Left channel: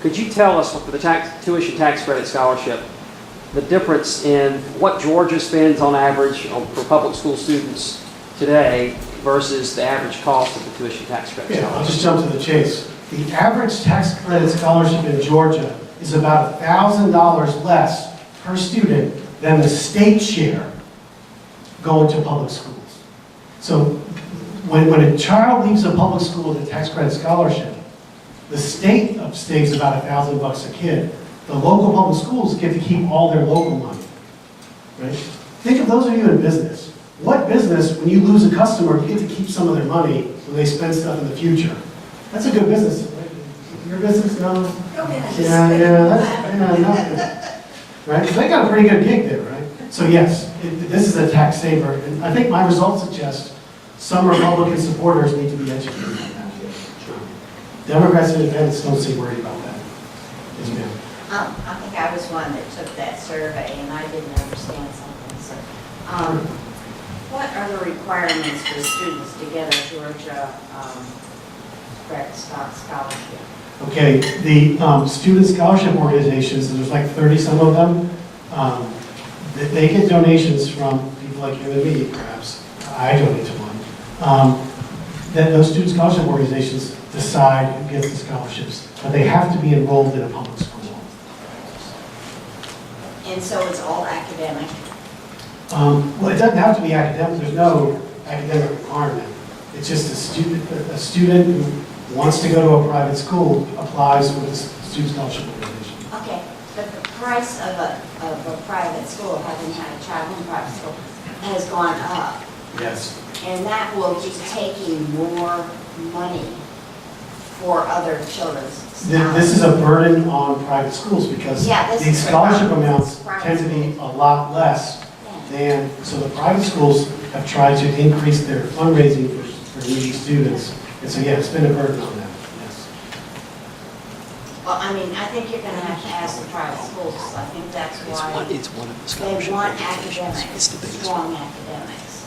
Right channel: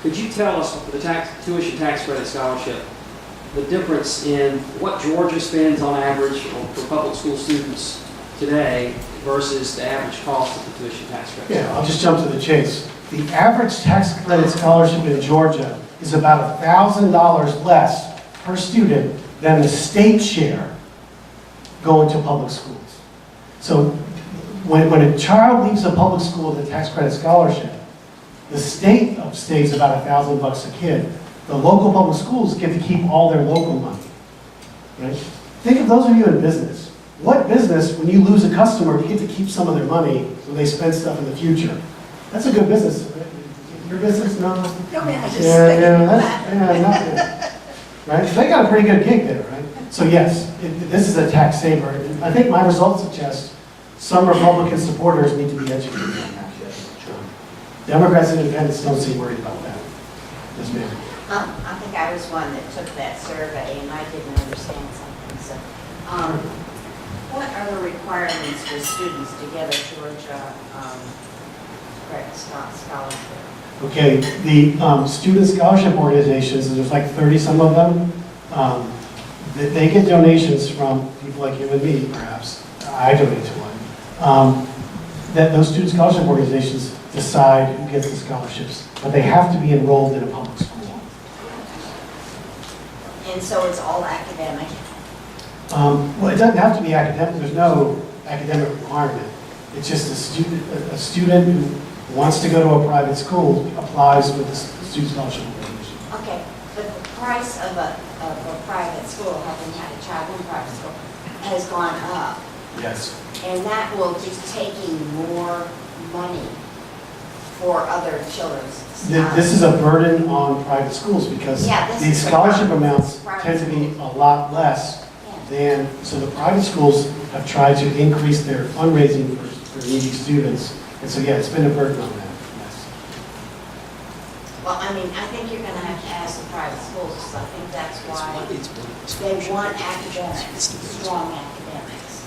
Could you tell us, for the tuition tax credit scholarship, the difference in what Georgia spends on average for public school students today versus the average cost of the tuition tax credit scholarship? Yeah, I'll just jump to the chase. The average tax credit scholarship in Georgia is about $1,000 less per student than the state share going to public schools. So when a child leaves a public school with a tax credit scholarship, the state saves about $1,000 a kid. The local public schools get to keep all their local money, right? Think of those of you in business. What business, when you lose a customer, you get to keep some of their money when they spend stuff in the future? That's a good business, right? Your business, no? Not good. Right? They got a pretty good gig there, right? So yes, this is a tax saver. And I think my results suggest some Republican supporters need to be educated on that. Democrats and independents don't seem worried about that. Yes, ma'am. I think I was one that took that survey and I didn't understand something. So, what are the requirements for students to get a Georgia credit scholarship? Okay, the student scholarship organizations, and there's like 30 some of them, they get donations from people like you and me, perhaps. I donate to one. That those student scholarship organizations decide who gets the scholarships, but they have to be enrolled in a public school. And so it's all academic? Well, it doesn't have to be academic. There's no academic requirement. It's just a student who wants to go to a private school applies with the student scholarship organization. Okay, but the price of a private school, having had a child in private school, has gone up. Yes. And that will be taking more money for other children's. This is a burden on private schools because these scholarship amounts tend to be a lot less than, so the private schools have tried to increase their fundraising for needy students. And so, yeah, it's been a burden on them, yes. Well, I mean, I think you're going to have to ask the private schools, because I think that's why they want academics, strong academics.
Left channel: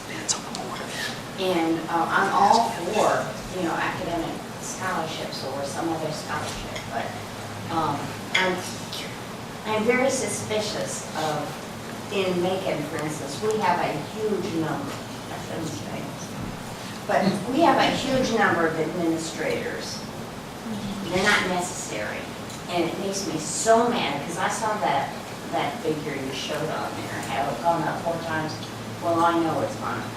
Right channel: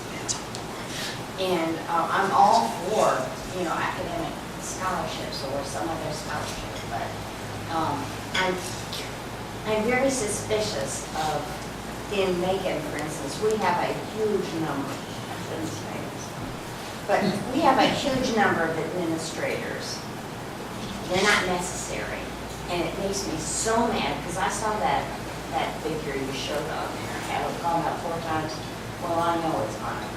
And I'm all for, academic scholarships or some other scholarship, but I'm very suspicious of, in Macon, for instance, we have a huge number, I shouldn't say this, but we have a huge number of administrators. They're not necessary, and it makes me so mad, because I saw that figure you showed on there, have it gone up 4 times? Well, I know it's gone up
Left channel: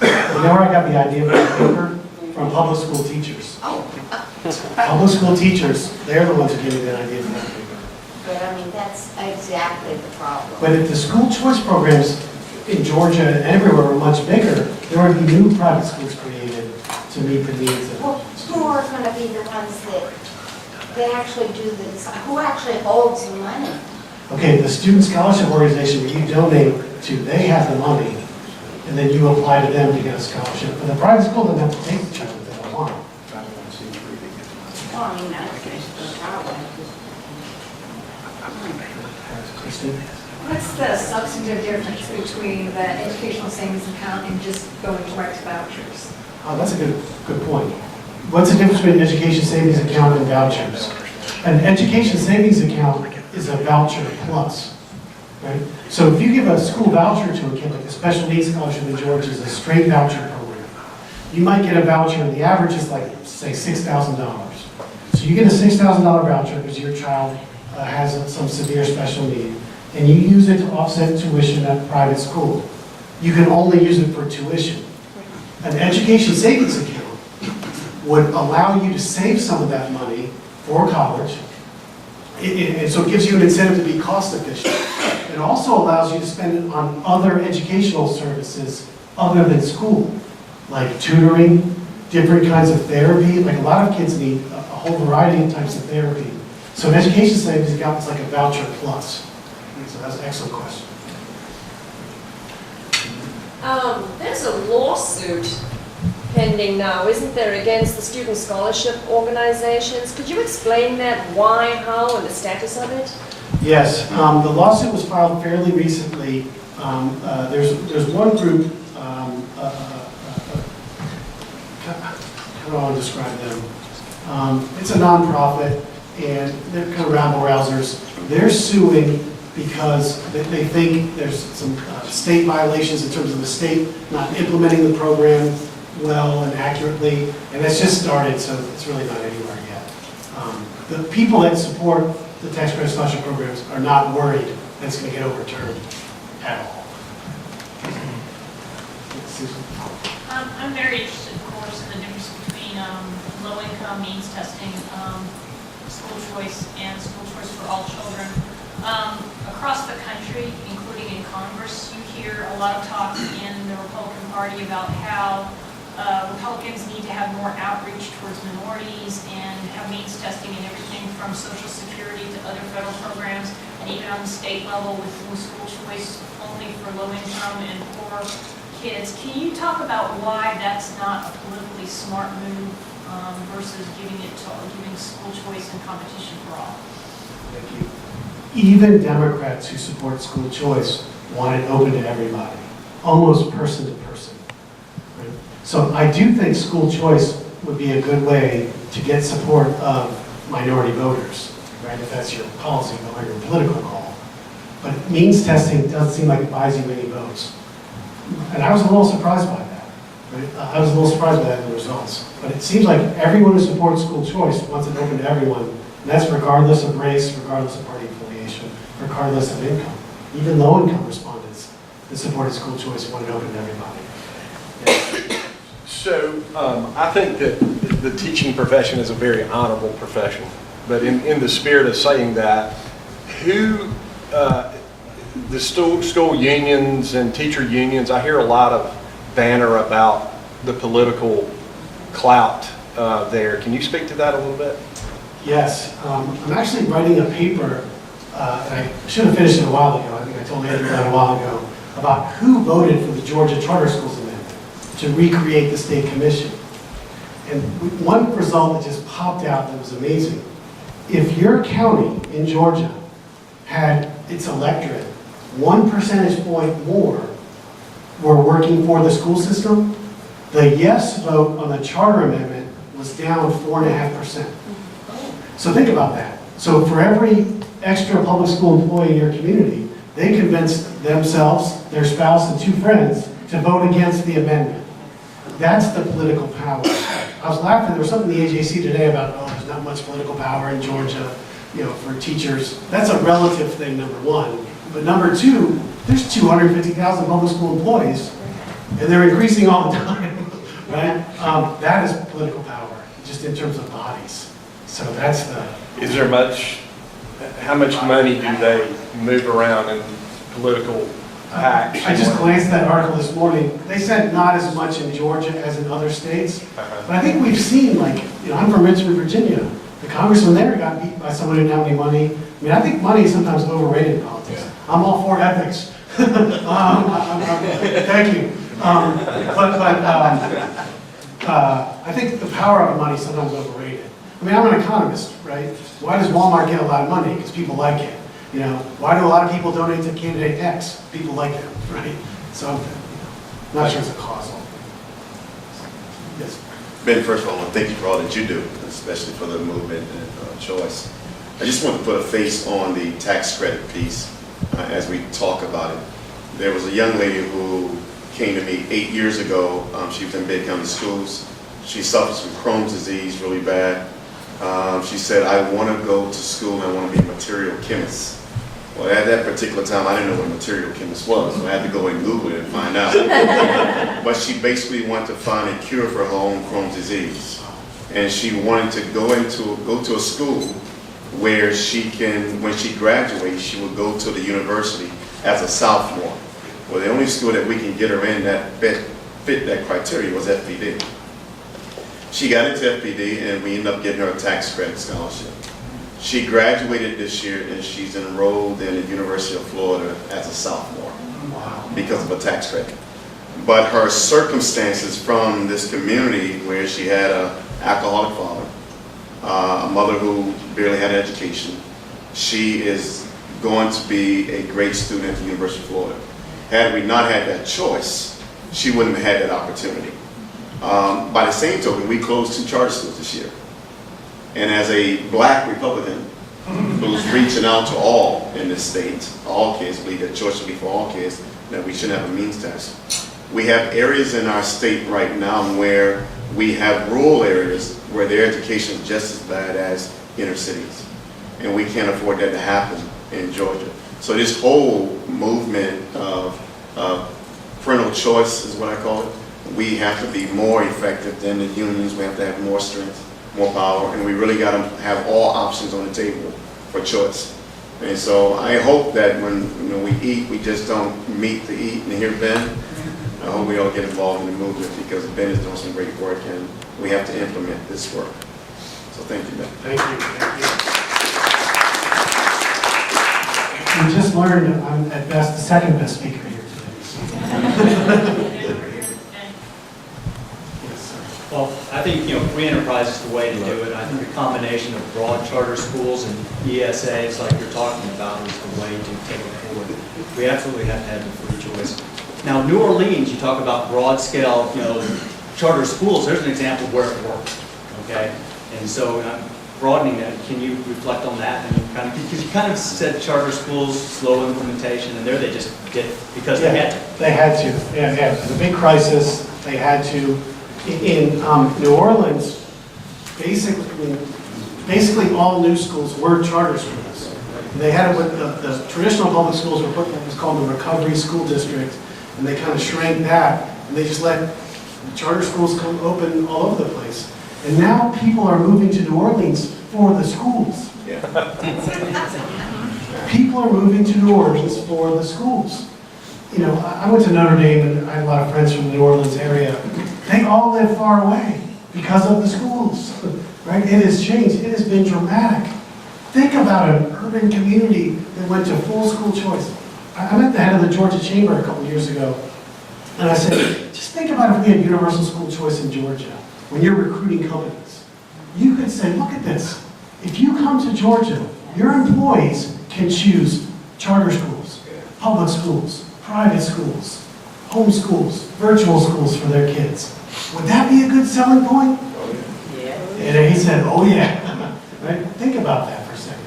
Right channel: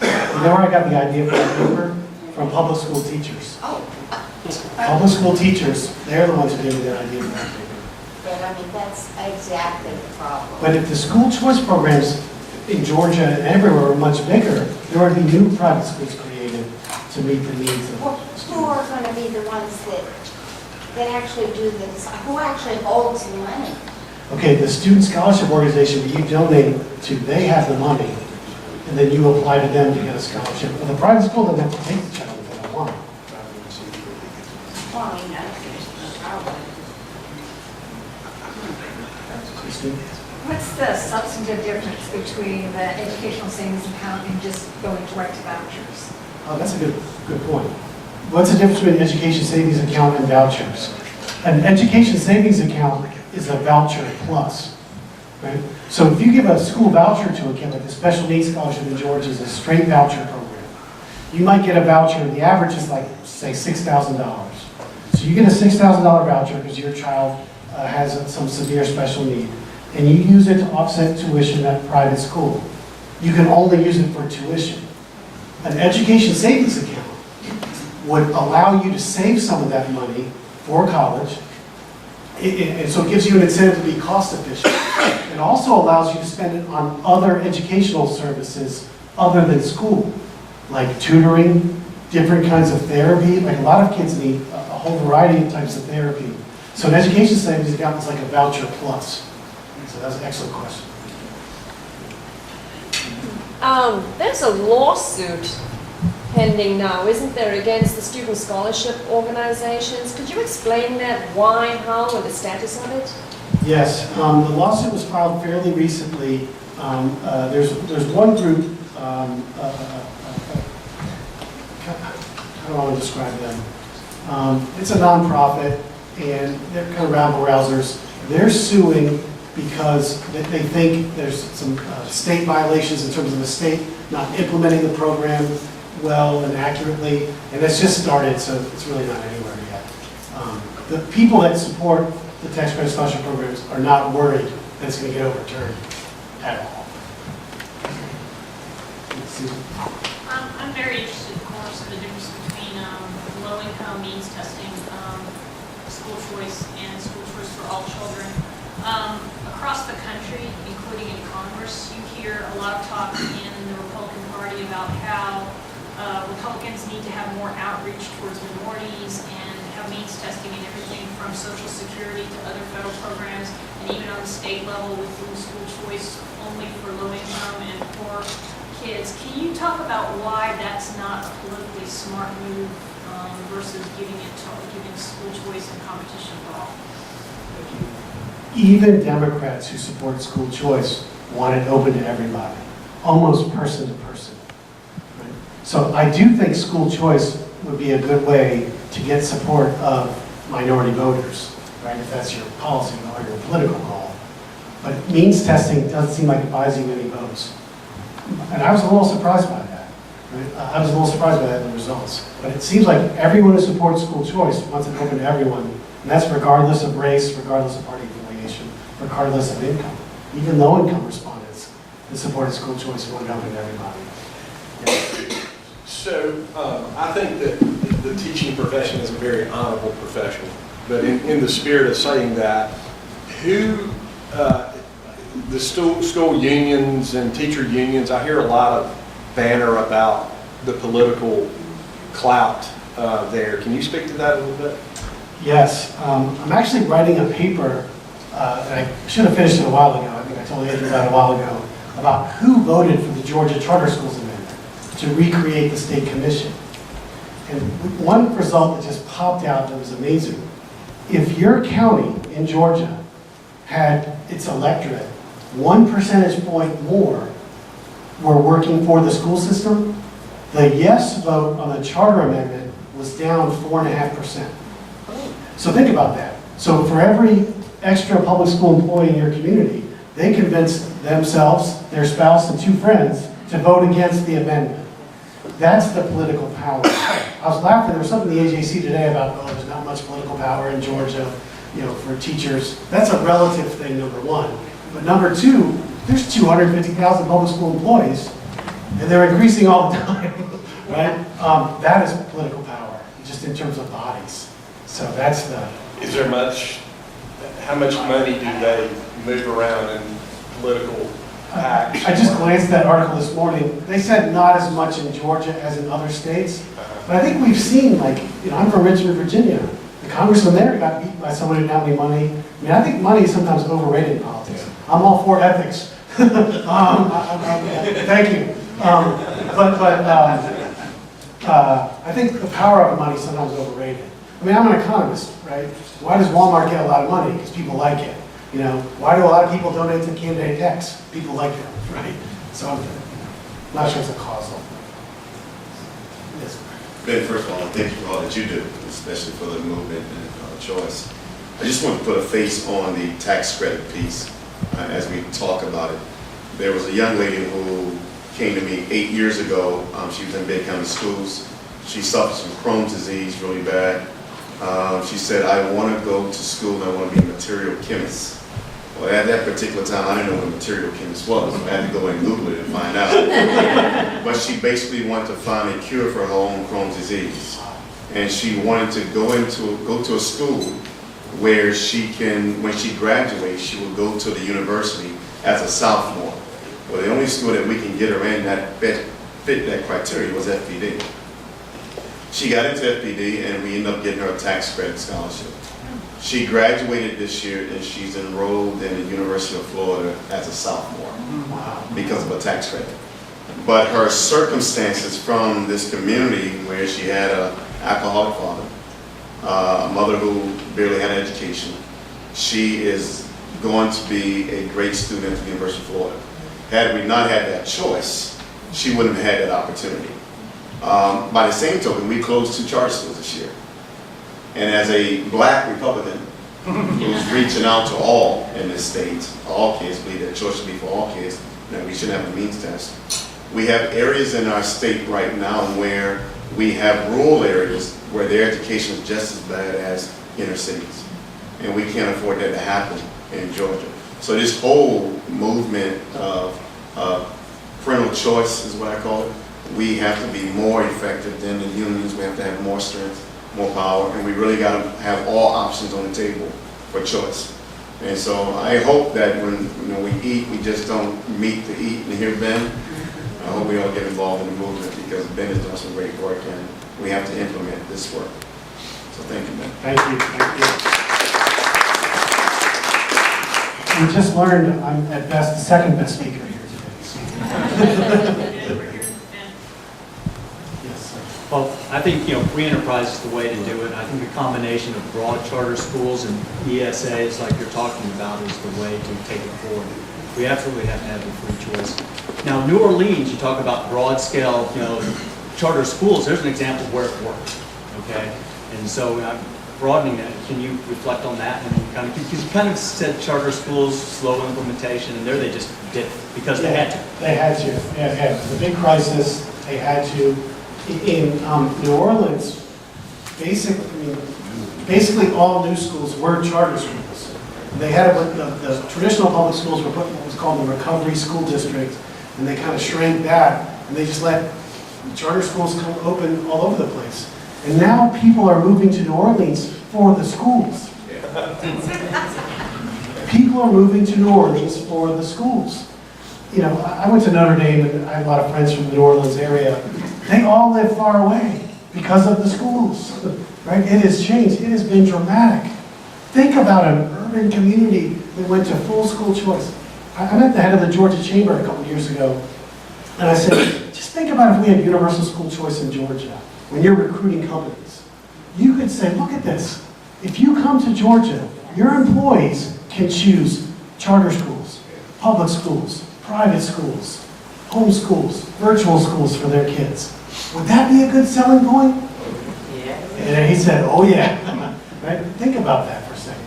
4 times. You know where I got the idea for that paper? From public school teachers. Oh. Public school teachers, they're the ones who gave me that idea for that paper. But I mean, that's exactly the problem. But if the school choice programs in Georgia and everywhere were much bigger, there would be new private schools created to meet the needs of Well, who are going to be the ones that actually do this? Who actually holds the money? Okay, the student scholarship organization that you donate to, they have the money, and then you apply to them to get a scholarship. But the private school doesn't have to take the child if they don't want it. Well, I mean, that's the problem. Christine? What's the substantive difference between the educational savings account and just going direct to vouchers? Oh, that's a good point. What's the difference between an education savings account and vouchers? An education savings account is a voucher plus, right? So if you give a school voucher to a kid, like the special needs scholarship in Georgia is a straight voucher program, you might get a voucher, the average is like, say, $6,000. So you get a $6,000 voucher because your child has some severe special need, and you use it to offset tuition at private school. You can only use it for tuition. An education savings account would allow you to save some of that money for college, and so it gives you an incentive to be cost efficient. It also allows you to spend it on other educational services other than school, like tutoring, different kinds of therapy. Like a lot of kids need a whole variety of types of therapy. So an education savings account is like a voucher plus. So that's an excellent question. There's a lawsuit pending now, isn't there, against the student scholarship organizations? Could you explain that, why, how, and the status of it? Yes, the lawsuit was filed fairly recently. There's one group, how do I want to describe them? It's a nonprofit. and they're kind of rabble-rousers. They're suing because they think there's some state violations in terms of the state not implementing the program well and accurately, and it's just started, so it's really not anywhere yet. The people that support the tax credit scholarship programs are not worried that it's going to get overturned at all. Susan? I'm very interested, of course, in the difference between low-income means testing, school choice, and school choice for all children. Across the country, including in Congress, you hear a lot of talk in the Republican Party about how Republicans need to have more outreach towards minorities and have means testing and everything from Social Security to other federal programs, and even on the state level with dual school choice only for low-income and poor kids. Can you talk about why that's not a politically smart move versus giving school choice and competition for all? Thank you. Even Democrats who support school choice want it open to everybody, almost person to person. Right? So I do think school choice would be a good way to get support of minority voters, right? If that's your policy or your political call. But means testing doesn't seem like it buys you any votes. And I was a little surprised by that. Right? I was a little surprised by that in the results. But it seems like everyone who supports school choice wants it open to everyone, and that's regardless of race, regardless of party affiliation, regardless of income. Even low-income respondents that supported school choice want it open to everybody. Yeah. So I think that the teaching profession is a very honorable profession. But in the spirit of saying that, the school unions and teacher unions, I hear a lot of banter about the political clout there. Can you speak to that a little bit? Yes. I'm actually writing a paper, and I should have finished it a while ago. I think I told Andrew about it a while ago, about who voted for the Georgia Charter Schools Amendment to recreate the state commission. And one result that just popped out that was amazing. If your county in Georgia had its electorate 1 percentage point more were working for the school system, the yes vote on the charter amendment was down 4.5%. So think about that. So for every extra public school employee in your community, they convinced themselves, their spouse, and 2 friends to vote against the amendment. That's the political power. I was laughing, there was something in the AJC today about, oh, there's not much political power in Georgia, for teachers. That's a relative thing, number one. But number two, there's 250,000 public school employees, and they're increasing all the time, right? That is political power, just in terms of bodies. So that's the... Is there how much money do they move around in political acts? I just glanced at that article this morning. They said not as much in Georgia as in other states. But I think we've seen, I'm from Richmond, Virginia. The congressman there got beat by someone who didn't have any money. I mean, I think money is sometimes overrated in politics. Yeah. I'm all for ethics. Thank you. I think the power of money is sometimes overrated. I mean, I'm an economist, right? Why does Walmart get a lot of money? Because people like it. Why do a lot of people donate to candidate X? People like them, right? So I'm not sure it's a causal. Yes. Ben, first of all, I want to thank you for all that you do, especially for the movement and choice. I just want to put a face on the tax credit piece as we talk about it. There was a young lady who came to me 8 years ago. She was in Bay County schools. She suffers from Crohn's disease really bad. She said, I want to go to school and I want to be a material chemist. Well, at that particular time, I didn't know what a material chemist was, so I had to go and Google it and find out. But she basically wanted to find a cure for her own Crohn's disease. And she wanted to go to a school where she can, when she graduates, she will go to the university as a sophomore. Well, the only school that we can get her in that fit that criteria was FPD. She got into FPD and we ended up getting her a tax credit scholarship. She graduated this year and she's enrolled in the University of Florida as a sophomore because of a tax credit. But her circumstances from this community where she had an alcoholic father, a mother who barely had an education, she is going to be a great student at the University of Florida. Had we not had that choice, she wouldn't have had that opportunity. By the same token, we closed 2 charter schools this year. And as a black Republican who's reaching out to all in this state, all kids, believe that choice should be for all kids, that we shouldn't have a means test. We have areas in our state right now where we have rural areas where their education is just as bad as inner cities. And we can't afford that to happen in Georgia. So this whole movement of parental choice is what I call it. We have to be more effective than the unions. We have to have more strength, more power, and we really got to have all options on the table for choice. And so I hope that when we eat, we just don't meet to eat and hear Ben. I hope we all get involved in the movement because Ben is doing some great work and we have to implement this work. So thank you, Ben. Thank you. We just learned I'm at best the second best speaker here today. So. Yes, sir. Well, I think, free enterprise is the way to do it. I think the combination of broad charter schools and ESAs like you're talking about is the way to take it forward. We absolutely have to have the free choice. Now, New Orleans, you talk about broad scale, charter schools, there's an example where it worked, okay? And so broadening that, can you reflect on that? And because you kind of said charter schools, slow implementation, and there they just did it because they had to. They had to. Yeah. It was a big crisis. They had to. In New Orleans, basically all new schools were charter schools. They had what the traditional public schools were put in what was called the recovery school district, and they kind of shrank that, and they just let charter schools come open all over the place. And now people are moving to New Orleans for the schools. Yeah. People are moving to New Orleans for the schools. I went to Notre Dame and I had a lot of friends from the New Orleans area. They all live far away because of the schools, right? It has changed. It has been dramatic. Think about an urban community that went to full school choice. I met the head of the Georgia Chamber a couple years ago, and I said, just think about if we had universal school choice in Georgia. When you're recruiting companies, you could say, look at this. If you come to Georgia, your employees can choose charter schools, public schools, private schools, home schools, virtual schools for their kids. Would that be a good selling point? Yeah. And he said, oh yeah. Right? Think about that for a second.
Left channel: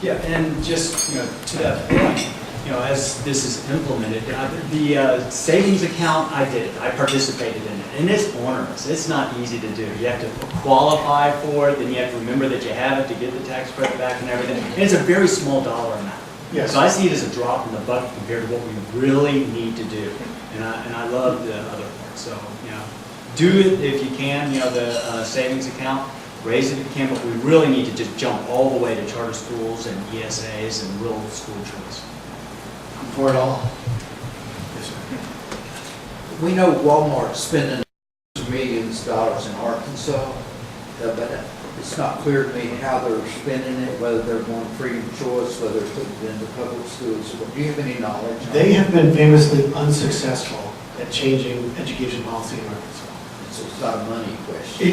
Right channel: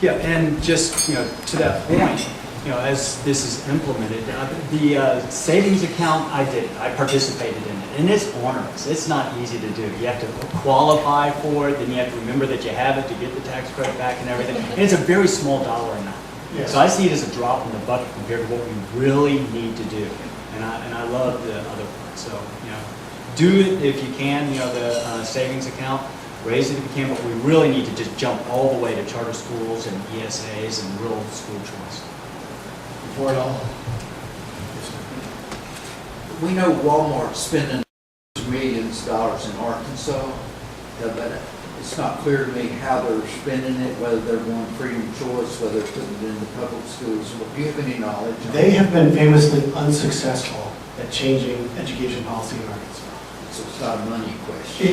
Yeah, and just, to that point, as this is implemented, the savings account, I did it. I participated in it. And it's onerous. It's not easy to do. You have to qualify for it, then you have to remember that you have it to get the tax credit back and everything. And it's a very small dollar amount. Yes. So I see it as a drop in the bucket compared to what we really need to do. And I love the other part. So, do it if you can, the savings account. Raise it if you can, but we really need to just jump all the way to charter schools and ESAs and real school choice. For it all. Yes, sir. We know Walmart's spending millions of dollars in Arkansas, but it's not clear to me how they're spending it, whether they're going freedom of choice, whether they're putting it into public schools. Do you have any knowledge on They it? have been famously unsuccessful at changing education policy in Arkansas. So it's not a money question.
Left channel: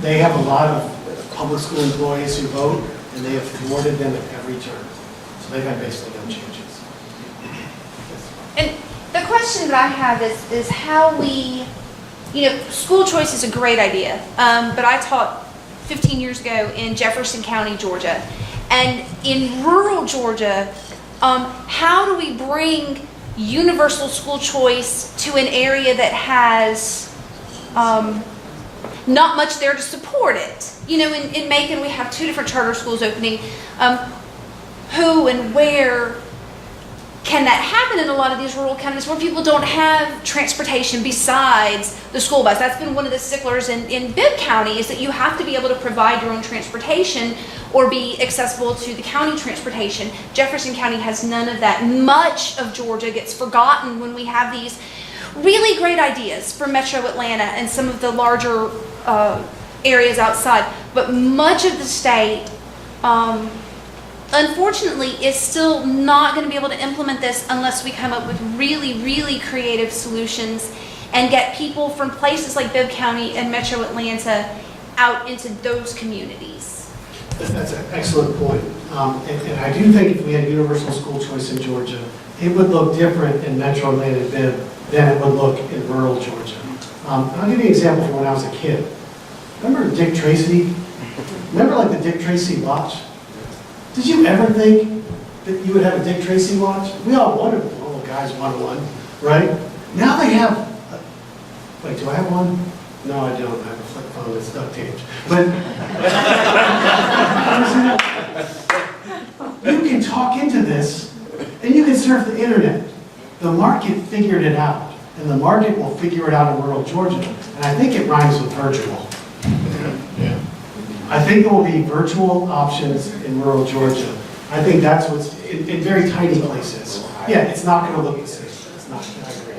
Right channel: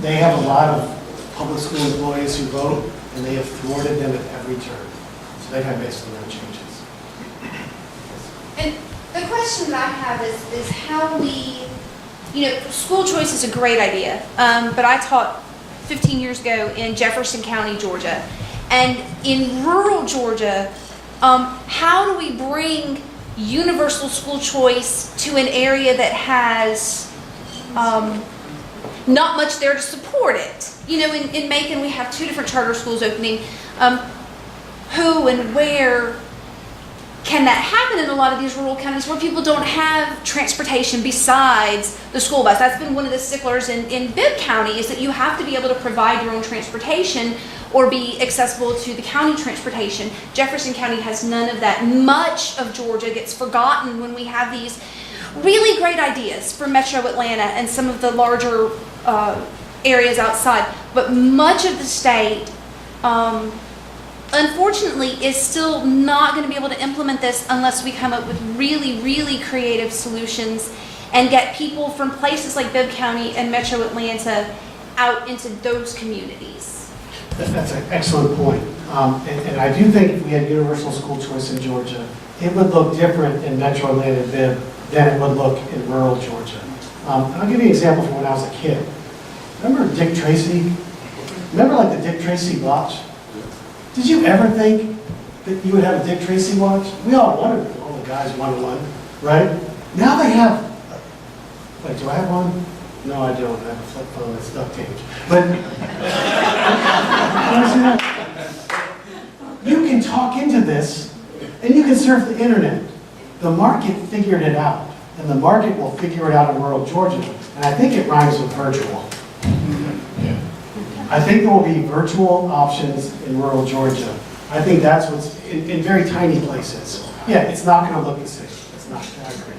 They have a lot of public school employees who vote, and they have thwarted them at every turn. So they've had basically no changes. And the question that I have is how we, school choice is a great idea, but I taught 15 years ago in Jefferson County, Georgia. And in rural Georgia, how do we bring universal school choice to an area that has not much there to support it? In Macon, we have 2 different charter schools opening. Who and where can that happen in a lot of these rural counties where people don't have transportation besides the school bus? That's been one of the sticklers in Bibb County, is that you have to be able to provide your own transportation or be accessible to the county transportation. Jefferson County has none of that. Much of Georgia gets forgotten when we have these really great ideas for Metro Atlanta and some of the larger areas outside. But much of the state, unfortunately, is still not going to be able to implement this unless we come up with really, really creative solutions and get people from places like Bibb County and Metro Atlanta out into those communities. That's an excellent point. And I do think if we had universal school choice in Georgia, it would look different in Metro Atlanta and Bibb than it would look in rural Georgia. I'll give you an example from when I was a kid. Remember Dick Tracy? Remember like the Dick Tracy watch? Did you ever think that you would have a Dick Tracy watch? We all wanted one. All the guys wanted one, right? Now they have, wait, do I have one? No, I don't. I have a flip phone that's duct taped. But, you can talk into this, and you can surf the internet. The market figured it out, and the market will figure it out in rural Georgia. And I think it rhymes with virtual. I think there will be virtual options in rural Georgia. I think that's what's, in very tiny places. Yeah, it's not going to look the same. It's not, I agree.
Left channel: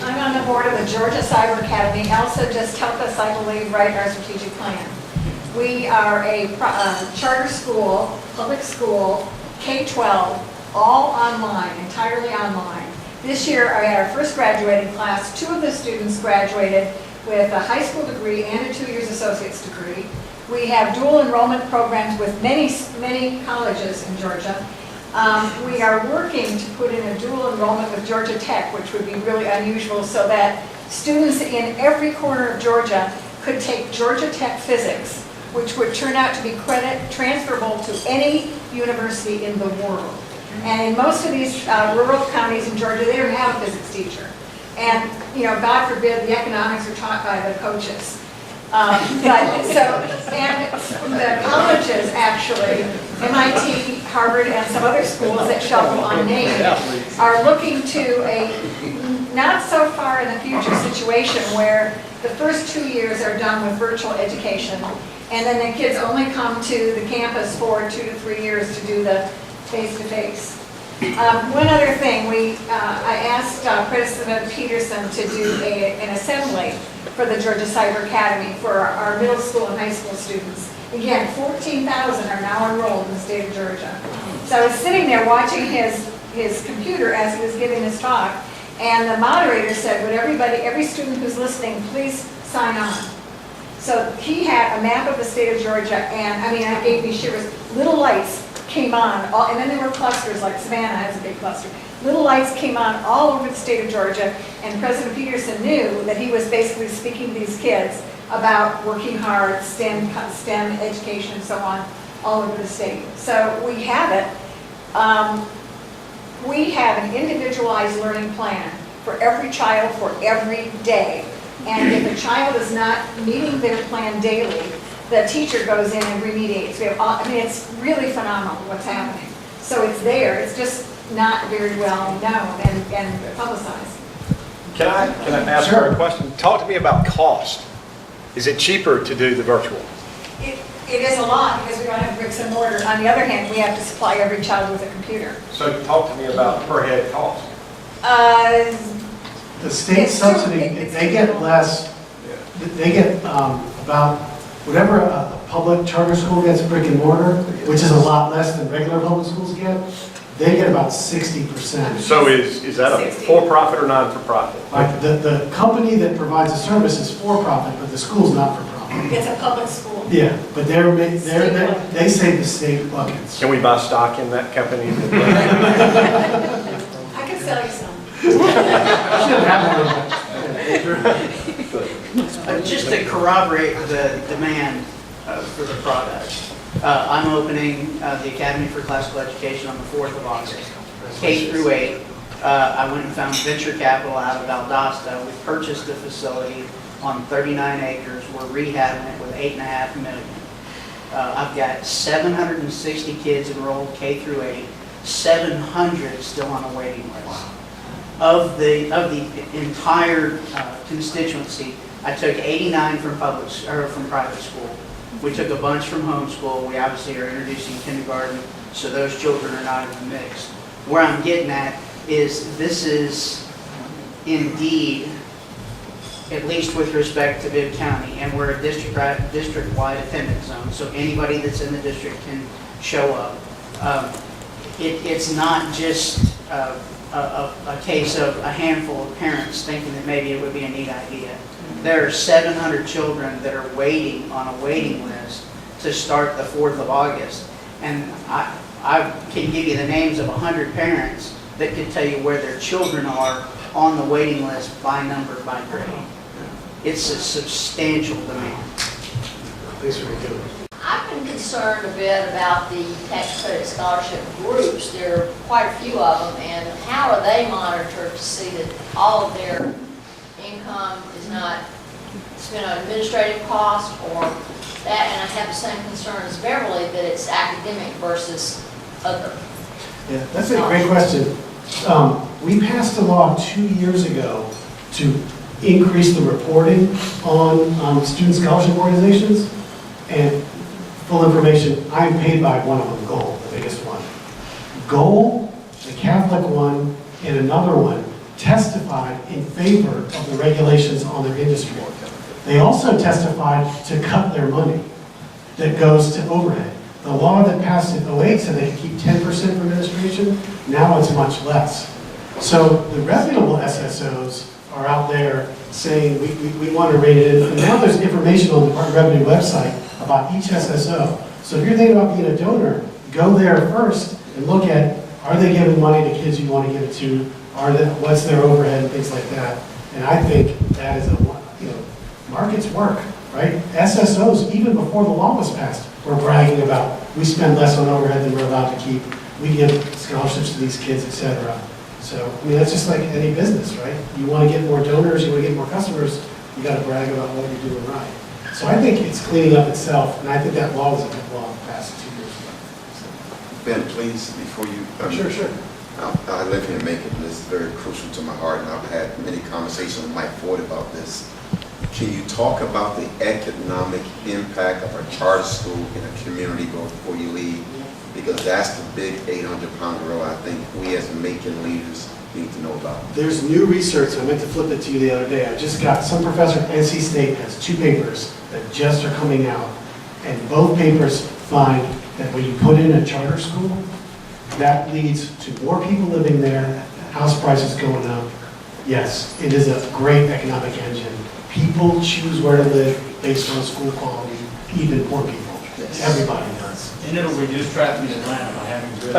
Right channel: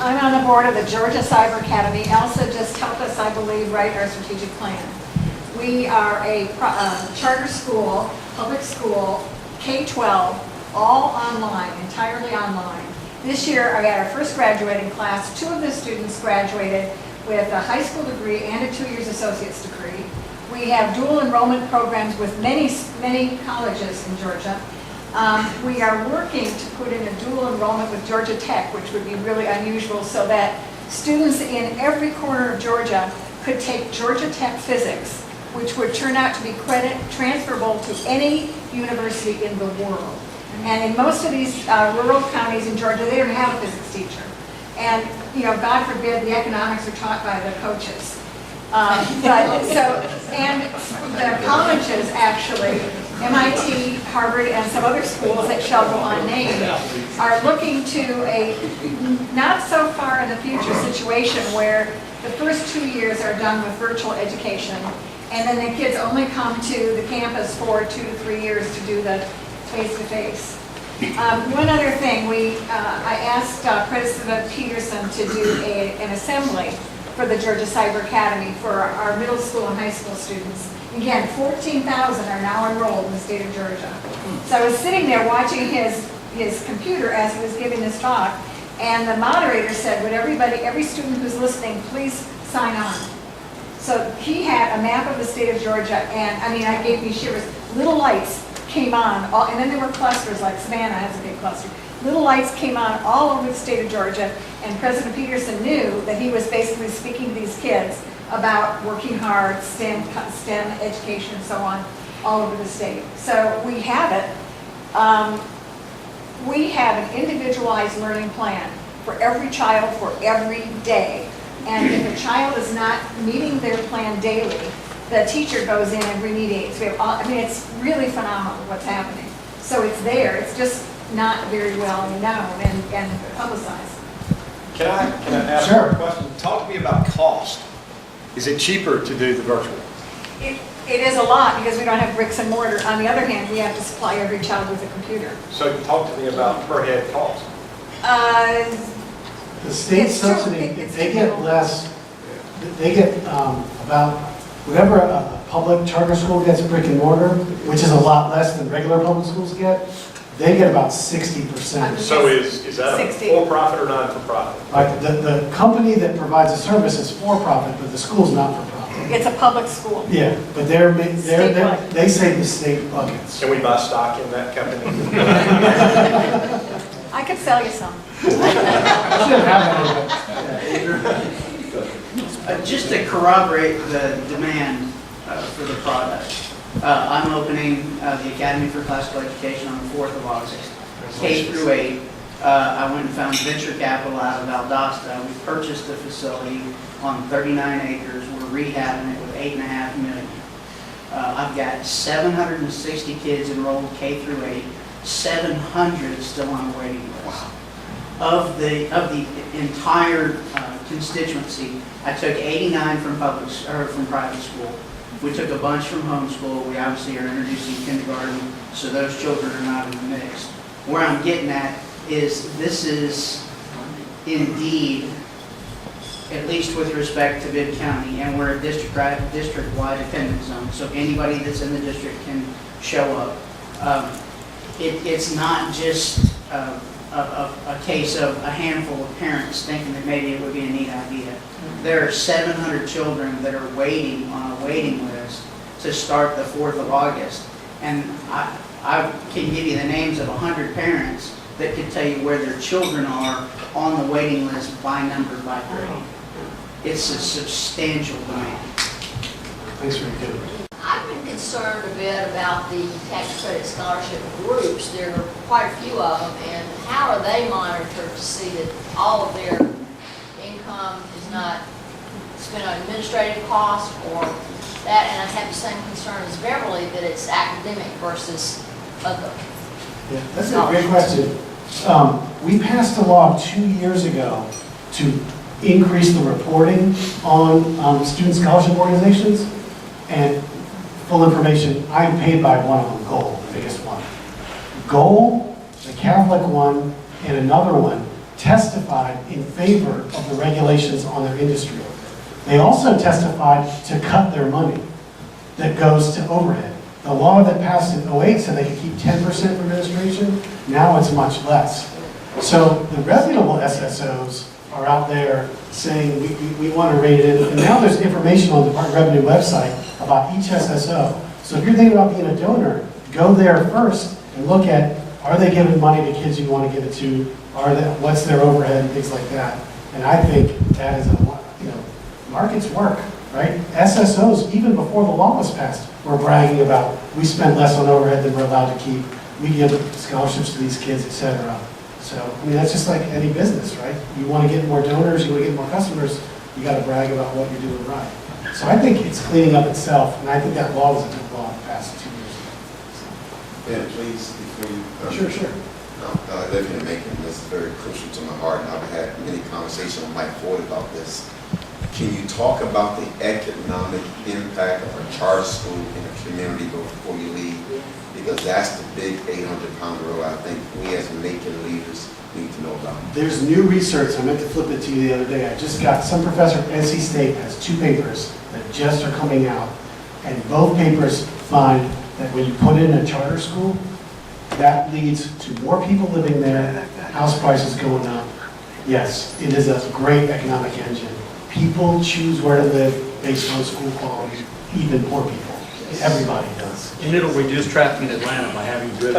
I'm on the board of the Georgia Cyber Academy. Elsa just helped us, I believe, write our strategic plan. We are a charter school, public school, K-12, all online, entirely online. This year, I had our first graduating class. 2 of the students graduated with a high school degree and a 2 years associate's degree. We have dual enrollment programs with many colleges in Georgia. We are working to put in a dual enrollment with Georgia Tech, which would be really unusual, so that students in every corner of Georgia could take Georgia Tech physics, which would turn out to be credit transferable to any university in the world. And in most of these rural counties in Georgia, they don't have a physics teacher. And, you know, God forbid, the economics are taught by the coaches. And the colleges actually, MIT, Harvard, and some other schools that shall go unnamed, are looking to a not so far in the future situation where the first 2 years are done with virtual education, and then the kids only come to the campus for 2 to 3 years to do the face-to-face. One other thing, I asked President Peterson to do an assembly for the Georgia Cyber Academy for our middle school and high school students. Again, 14,000 are now enrolled in the state of Georgia. So I was sitting there watching his computer as he was giving this talk, and the moderator said, would every student who's listening, please sign on. So he had a map of the state of Georgia, and I mean, it gave me shivers. Little lights came on, and then there were clusters, like Savannah has a big cluster. Little lights came on all over the state of Georgia, and President Peterson knew that he was basically speaking to these kids about working hard, STEM education, and so on, all over the state. So we have it. We have an individualized learning plan for every child for every day. And if a child is not meeting their plan daily, the teacher goes in and remediates. It's really phenomenal what's happening. So it's there. It's just not very well known and publicized. Can I ask Sure. a question? Talk to me about cost. Is it cheaper to do the virtual? It is a lot because we don't have bricks and mortar. On the other hand, we have to supply every child with a compuper. So talk to me about per head cost. The state It's true. subsidy, It's they get true. less, they get about, whatever a public charter school gets brick and mortar, which is a lot less than regular public schools get, they get about 60%. So is that a 60. for-profit or not for-profit? Right, the company that provides the service is for-profit, but the school's not for-profit. It's a public school. Yeah, but they save the state buckets. Can we buy stock in that company? I could sell you some. Should have that. Just to corroborate the demand for the product, I'm opening the Academy for Classical Education on the 4th of August, K through 8. I went and found venture capital out of Valdosta. We purchased the facility on 39 acres. We're rehabbing it with $8.5 million. I've got 760 kids enrolled K through 8, 700 still on a waiting list. Of the entire constituency, I took 89 from private school. We took a bunch from homeschool. We obviously are introducing kindergarten, so those children are not in the mix. Where I'm getting at is this is indeed, at least with respect to Bibb County, and we're a district-wide attendance zone, so anybody that's in the district can show up. It's not just a case of a handful of parents thinking that maybe it would be a neat idea. There are 700 children that are waiting on a waiting list to start the 4th of August. And I can give you the names of 100 parents that could tell you where their children are on the waiting list by number, by grade. It's a substantial demand. Thanks for your I've been concerned a bit about the tax credit scholarship groups. There are quite a few of them, and how are they monitored to see that all of their income is not spent on administrative costs or that? And I have the same concern as Beverly, that it's academic versus other. Yeah, that's a great question. We passed a law 2 years ago to increase the reporting on student scholarship organizations. And full information, I'm paid by one of them, Goal, the biggest one. Goal, the Catholic one, and another one testified in favor of the regulations on their industry. They also testified to cut their money that goes to overhead. The law that passed in '08 said they could keep 10% for administration. Now it's much less. So the reputable SSOs are out there saying we want to rate it in. And now there's information on the Department of Revenue website about each SSO. So if you're thinking about being a donor, go there first and look at, are they giving money to kids you want to give it to? What's their overhead and things like that? And I think that is markets work, right? SSOs, even before the law was passed, were bragging about, we spend less on overhead than we're allowed to keep. We give scholarships to these kids, et cetera. So, I mean, that's just like any business, right? You want to get more donors, you want to get more customers, you got to brag about what you're doing right. So I think it's cleaning up itself, and I think that law was a good law passed 2 years ago. Ben, please, before you. Sure. I live here in Macon, and this is very crucial to my heart, and I've had many conversations with Mike Ford about this. Can you talk about the economic impact of a charter school in a community before you leave? Because that's the big 800-pound gorilla I think we as Macon leaders need to know about. There's new research, I meant to flip it to you the other day. I just got, some professor at NC State has 2 papers that just are coming out, and both papers find that when you put in a charter school, that leads to more people living there, house prices going up. Yes, it is a great economic engine. People choose where to live based on school quality, even poor people. Everybody does. And it'll reduce traffic in Atlanta by having good.